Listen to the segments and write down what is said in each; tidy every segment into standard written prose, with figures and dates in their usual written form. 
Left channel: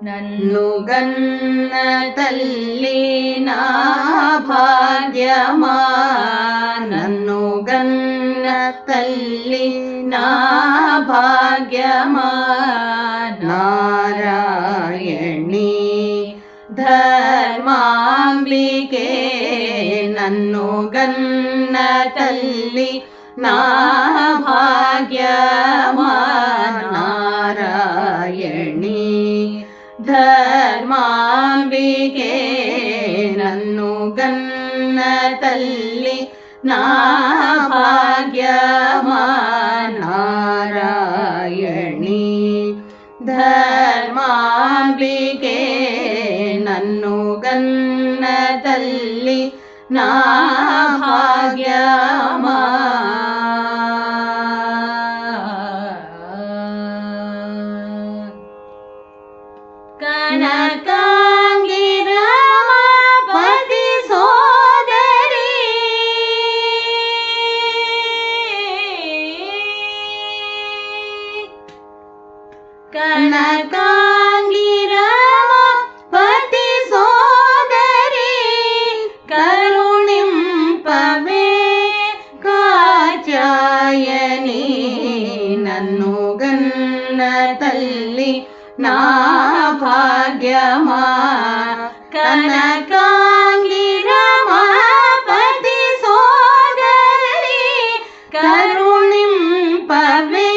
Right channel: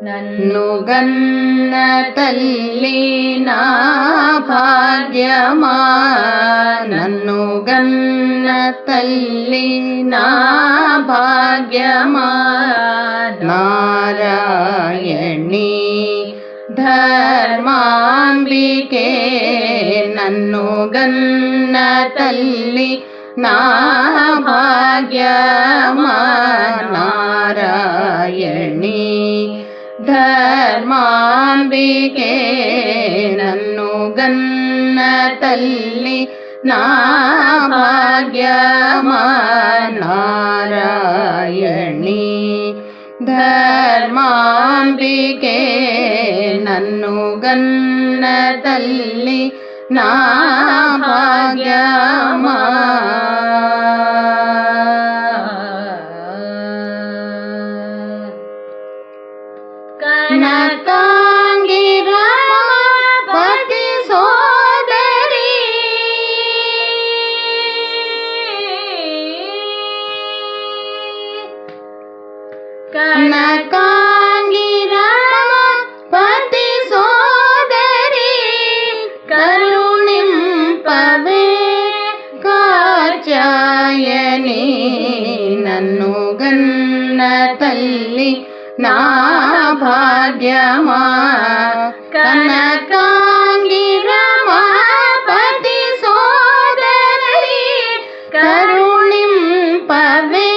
నన్ను గన్న తల్లి నా భాగ్యమా, నన్ను గన్న తల్లి నా భాగ్యమా. నారాయణి ధర్మాంబికే నన్ను గన్న తల్లి నా భాగ్యమా. నారాయణి ధర్మాంబికే నన్ను గన్న తల్లి నా భాగ్యమా. నారాయణి ధర్మాంబికే నన్ను గన్న తల్లి నా భాగ్యమా. కనకాంగి రమాపతి సోదరి, కనకాంగి రమాపతి సోదరి, కరుణింపవే కాచాయని నన్ను గన్న తల్లి నా భాగ్యమా. కనకాంగి రమాపతి సోదరి, కరుణింపవే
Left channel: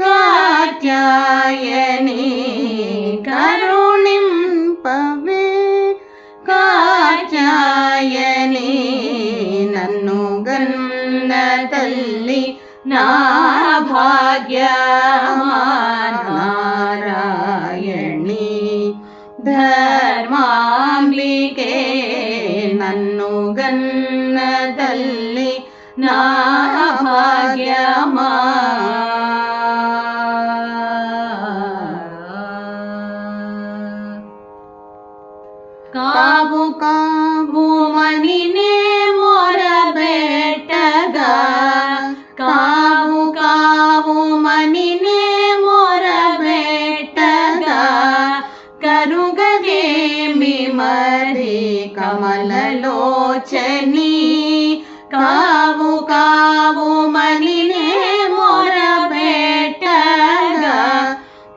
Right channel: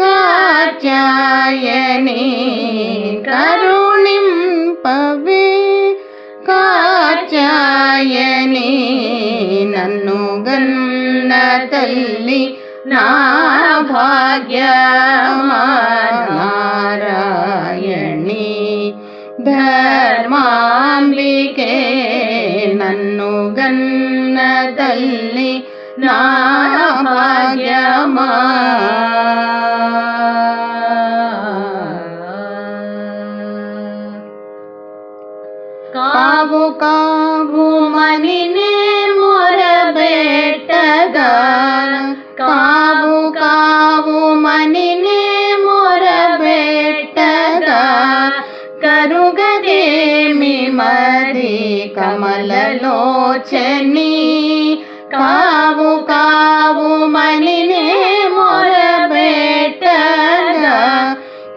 కాచాయని, కరుణింపవే కాచాయని నన్ను గన్న తల్లి నా భాగ్యమా. నారాయణి ధర్మాంబికే నన్ను గన్న తల్లి నా భాగ్యమా. కావు కావు మనినే మొరబెట్టగా, కావు కావు మనినే మొరబెట్టగా, కరుగదేమి మరి కమలలోచని. కావు కావు మనినే మొరబెట్టగా,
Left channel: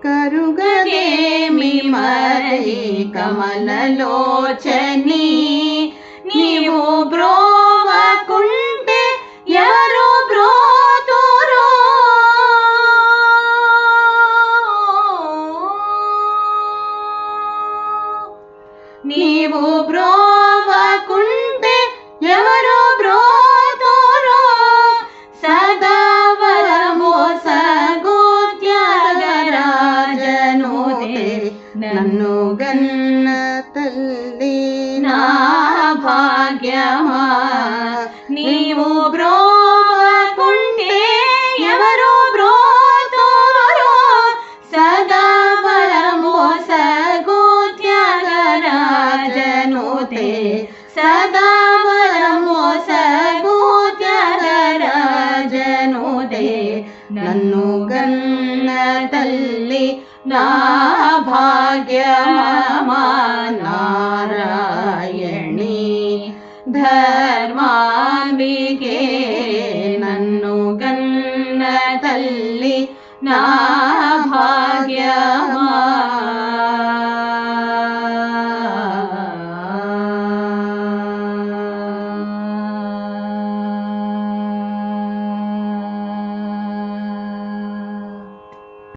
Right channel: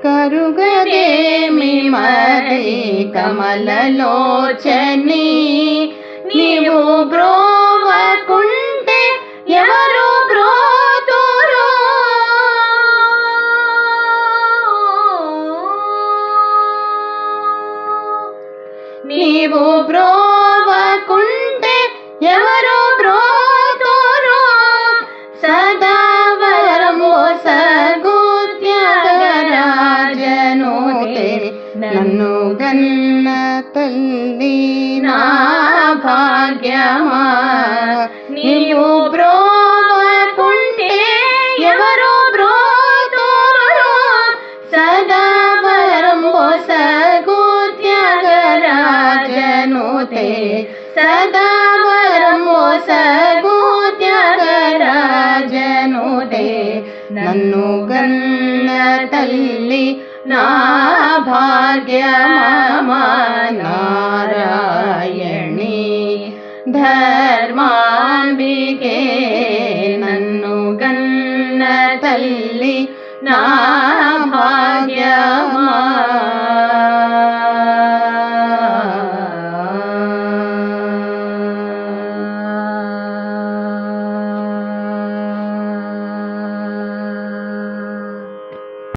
కరుగదేమి మరి కమలలోచని. నీవు బ్రోవకుంటే ఎవరు బ్రోతురు, నీవు బ్రోవకుంటే ఎవరు బ్రోతురు. సదా వరము సగు త్యాగరాజనుతే నన్ను గన్న తల్లి నా భాగ్యమా. నీవు బ్రోవకుంటే ఎవరు బ్రోతురు. సదా వరము సగు త్యాగరాజనుతే, సదా వరము సగు త్యాగరాజనుతే నన్ను గన్న తల్లి నా భాగ్యమా.